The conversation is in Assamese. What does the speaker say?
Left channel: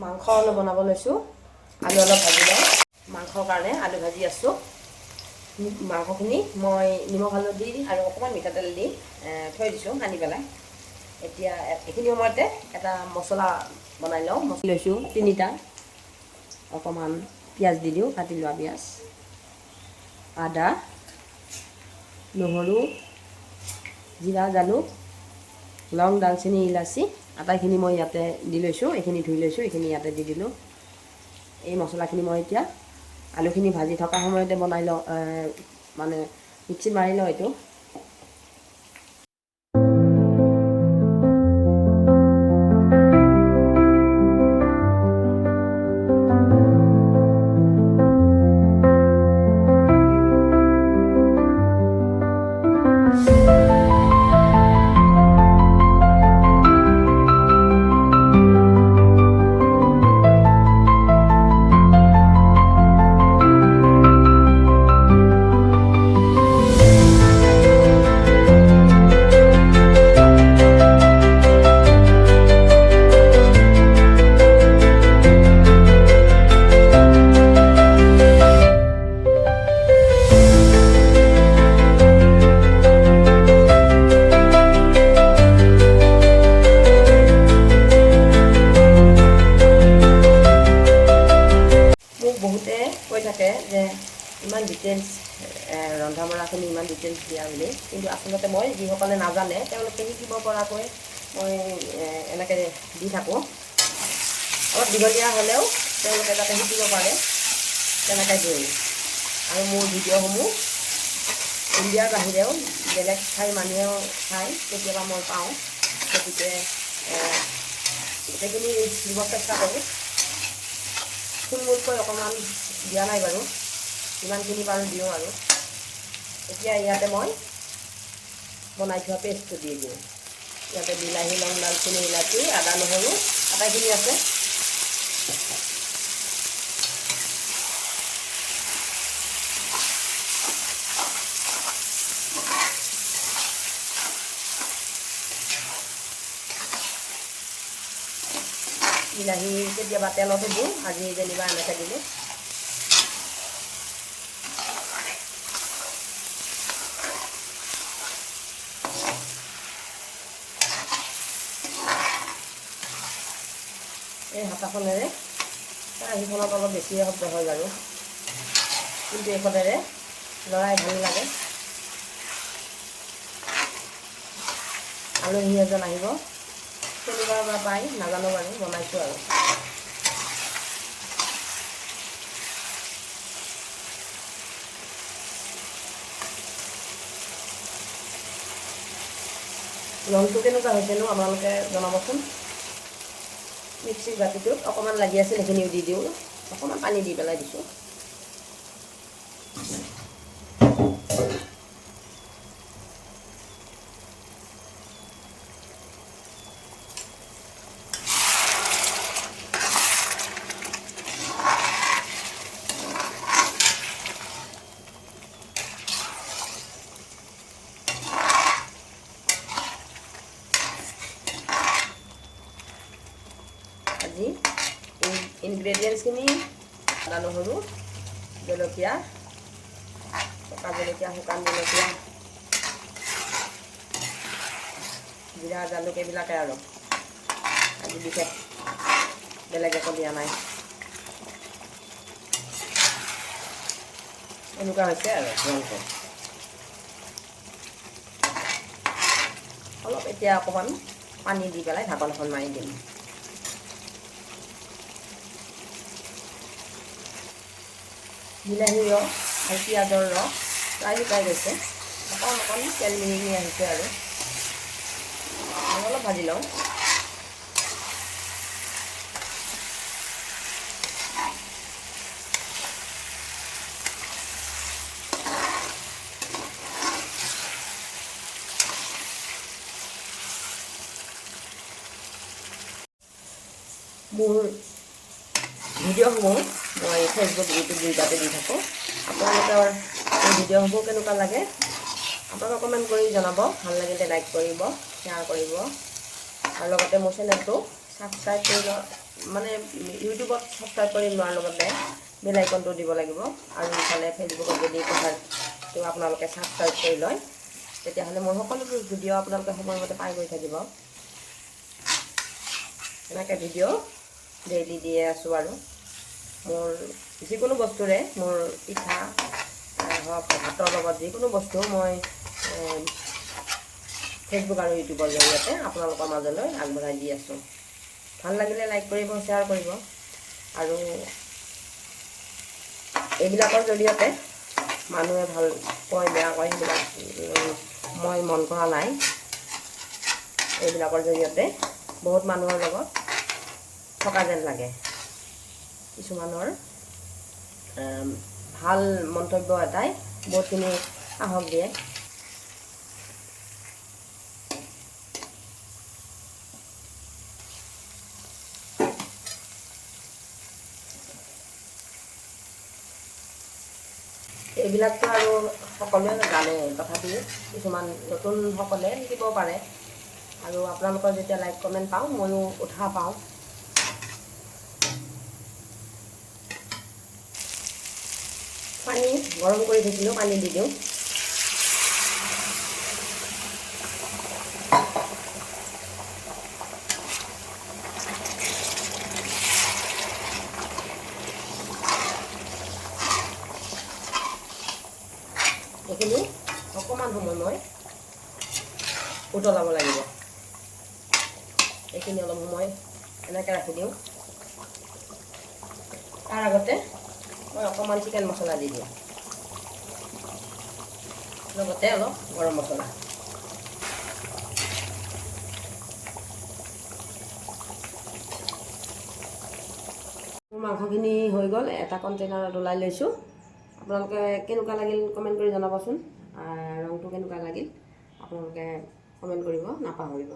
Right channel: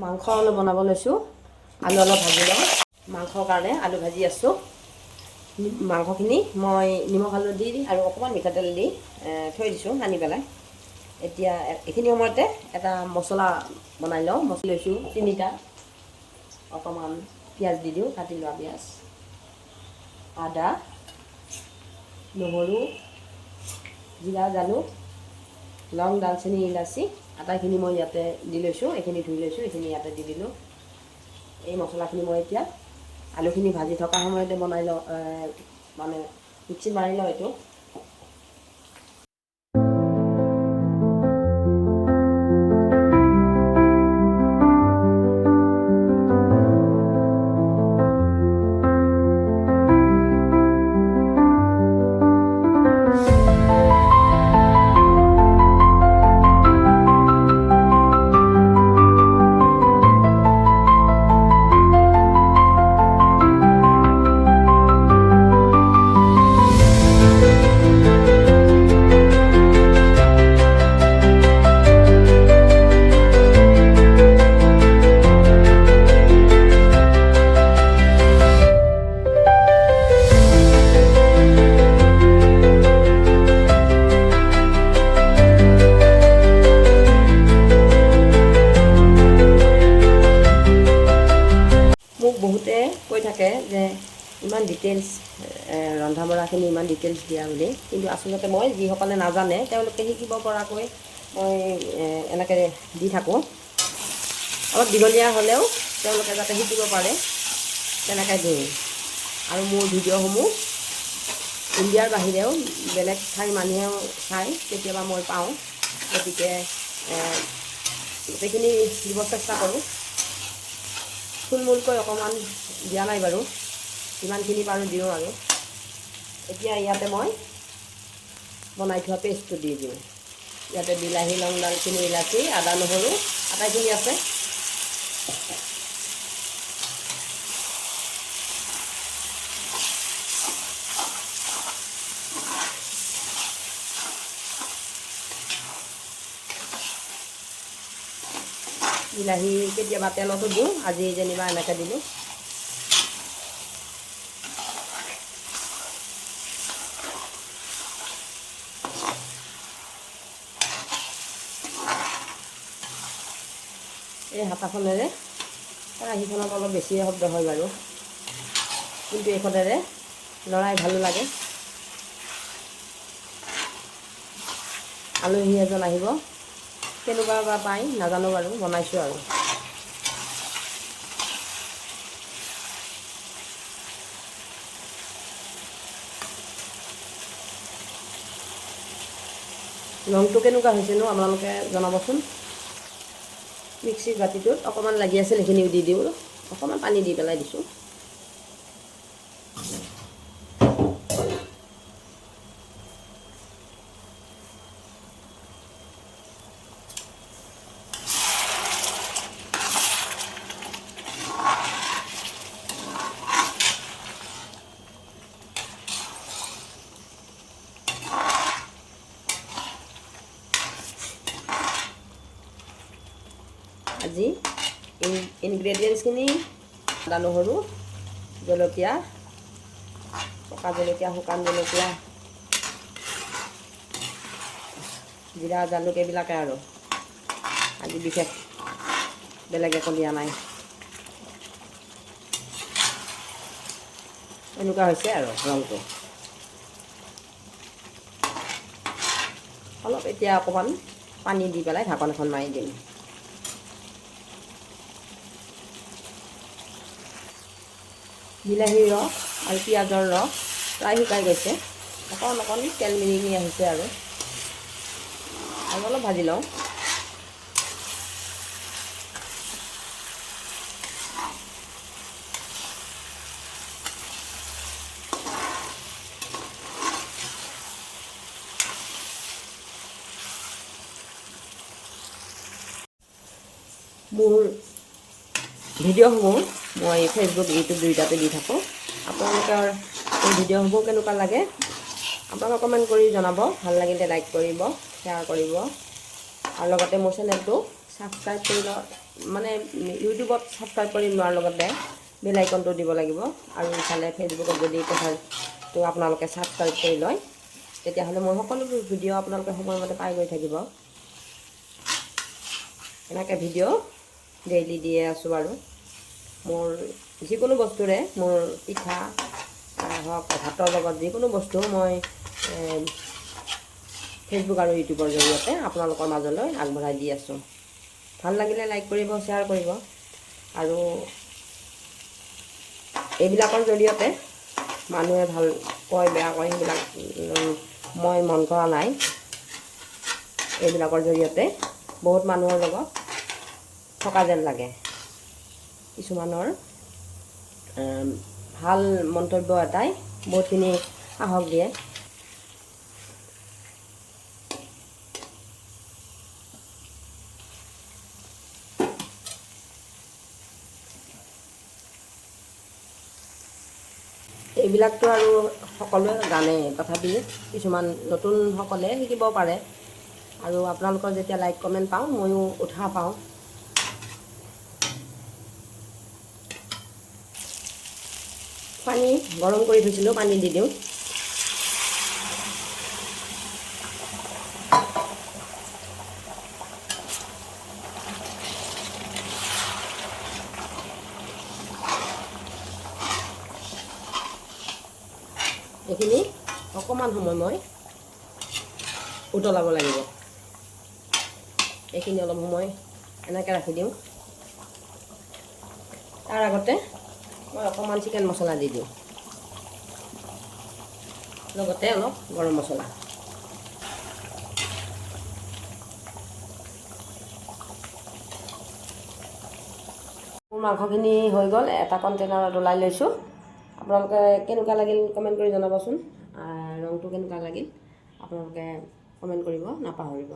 মাংস অলপ বনাব লৈছোঁ। আলু অলপ ভাজি লওঁ। মাংসৰ কাৰণে আলু ভাজি আছোঁ। মাংসখিনি মই নিমখ হালধি আৰু অকণমান মিঠাতেল দি থৈ দিছোঁ সানি পেলাই। এতিয়া এইখিনি সময়তে এটা মছলা বনাই লওঁ। মছলা লৈছোঁ 3টা। অকণমান পিঁয়াজ দি দিওঁ, কাটি লোৱা পিঁয়াজ, আদা, নহৰু, জিৰা, জালুক, লং, দালচেনি, ইলাচি আটাইখিনি মই ইয়াতে দি লৈছোঁ। এইখিনি ধুই লৈছোঁ, এইখিনি ইয়াতে দি দিলোঁ। এই মছলাখিনি মই এতিয়া আলুখিনি ভাজি থকা সময়তে বনাই লওঁ, মানে মিক্সিত মাৰি লওঁ এইটো। মোক বহুতে কৈ থাকে যে ইমান ডিটেইলছ ৰন্ধা বঢ়াখিনি ইমান ডিটেইলছ দিয়া বুলি, কিন্তু আচলতে মই যিসকলে নাজানে তেওঁলোকে শিকিব পৰাকৈ মই এনেকৈ দি থাকোঁ। অলপ দীঘলীয়া হ'লেও তেওঁলোকে যাতে শিকিব পাৰে তেনেকৈ দিওঁ। আৰু মোৰ ভিডিঅ'সমূহ ইণ্ডিয়াৰ বাহিৰেও বেলেগ ঠাইৰ মানুহেও চাই, কেতিয়াবা মই পাওঁ। গতিকে গোটেইখিনি দিব চেষ্টা কৰোঁ। থুলমূলকৈ অকণমান দিয়া নাই বাৰু, যিমানখিনি পাৰোঁ দিওঁ। আৰু এতিয়া ইয়াতে মই বনাই থোৱা পেষ্টটো দি দিওঁ। ইয়াতে বিলাহী, লং, দালচেনি, ইলাচি, আদা, নহৰু আটাইখিনি আছে। বিলাহী কেতিয়াবা তেলতে দিওঁ, আজি যেনিবা এনেকৈ দিলোঁ। এই হাতাখনেৰে কেৰাহীখনত অলপ বেছিয়ে শব্দ হয় বাৰু, কিন্তু এইখনেৰে লৰাই ভালো লাগে। আলহী এজন আহিব, কেনেকুৱা বা পাই নাজানো বাৰু, বনাইছোঁ আৰু। ৰংটো কেনেকুৱা হৈছেনো আপোনালোকে জনাবচোন। মিক্সিৰ বাতিটোত অকণমান লাগি আছিল, সেইখিনিও দি দিওঁ। অকণমান পানী দি পেলাই দিছোঁ। আজি এই ইনগ্ৰেডিয়েণ্টছখিনি আদা, নহৰু, জলকীয়া, পকা জলকীয়া, শুকান জলকীয়া, জিৰা, জালুক এইবিলাকে আৰু। আজি বিশেষ বেলেগ একো দিয়া নাই। এনেকুৱা হৈছে আৰু ৰংটো। অলপ এতিয়া অকণমান পানী দি পেলাই ঢাকনখন মাৰি দিম। বিলাহীৰ ৰস আৰু পিঁয়াজৰ ৰস প্ৰায় শুকাই গৈছে। অকণ অকণ তেল মিহি আহিছে আৰু অলপ ভাজি লওঁ। মোৰ ভিডিঅ'সমূহ মই ফেচবুক, ইউটিউব দুয়োটাতে দি থাকোঁ। আপোনালোকৰ এই ভিডিঅ'সমূহ কেনেকুৱা লাগে আপোনালোকে কমেণ্ট কৰি জনাব। ভাল লাগিলে লাইক কৰিব, শ্বেয়াৰ কৰিব, আৰু লগতে মোৰ চেনেলটো ছাবস্ক্ৰাইব কৰিব মানে ইউটিউবত ছাবস্ক্ৰাইব কৰি লোৱাৰ লগতে বেল আইকনটো দিব লাগিব আৰু ইফালে ফেচবুকত যদি প্ৰফাইলটো আপোনালোকে ছাবস্ক্ৰাইব কৰি লয় তেতিয়াহ'লে মোৰ সকলোবোৰ ভিডিঅ' আপোনালোকে সময়মতে পাই গৈ থাকিব। এনেকৈ ভিডিঅ' ডেইলি দিয়ে আছোঁ আৰু মোৰ যিকোনো বস্তুৰে মোৰ পিঠা হওক ভাতৰ লগত যিকোনো বস্তু মই ফেচবুক আৰু ইউটিউবৰ জৰিয়তে আপোনালোকৰ মাজলৈ আগবঢ়াই দি আছোঁ। ভাল লাগিলে লাইক কৰিব, শ্বেয়াৰ কৰিব আৰু এইবিলাকৰ জৰিয়তে মানুহে ভাল কয় বেয়া কয় সেইবিলাক মই মন কৰা নাই। এইবিলাকৰ জৰিয়তে বহুত মানুহৰ লগত থকা যেন লাগে। কিছুমানৰ ভাল মন্তব্য এটাই বহুতখিনি সাহস দিয়ে। এইবিলাকতো আৰু সকলোৱে জানে, তথাপিও কিছুমান নতুনসকলে শিকিব পাৰে আৰু আপোনালোকৰ যেতিয়া লাইক কমেণ্ট পাওঁ ময়ো উৎসাহ পাওঁ। পানী গৰম কৰি থৈছিলোঁ, পানী দি দিওঁ। এইখিনি অকণমান সময় মই উতলাব লাগিব। এইখিনি অলপ সময় এনেকৈ ৰাখি দিওঁ। তাৰ আগতে মই অকণমান চিকেন মছলা দি দিওঁ, লগতে অলপ গৰম মছলা। মোৰ মাংসখিনি হৈ গ'ল, এটা কণ্টেইনাৰত ওলাই লৈছোঁ। আপোনালোকে কেনেকুৱা লাগিল কমেণ্ট কৰি জনাবচোন। ৰংটো কেনেকুৱা লাগিল আপোনালোকে কমেণ্ট কৰিব নাপাহৰিব।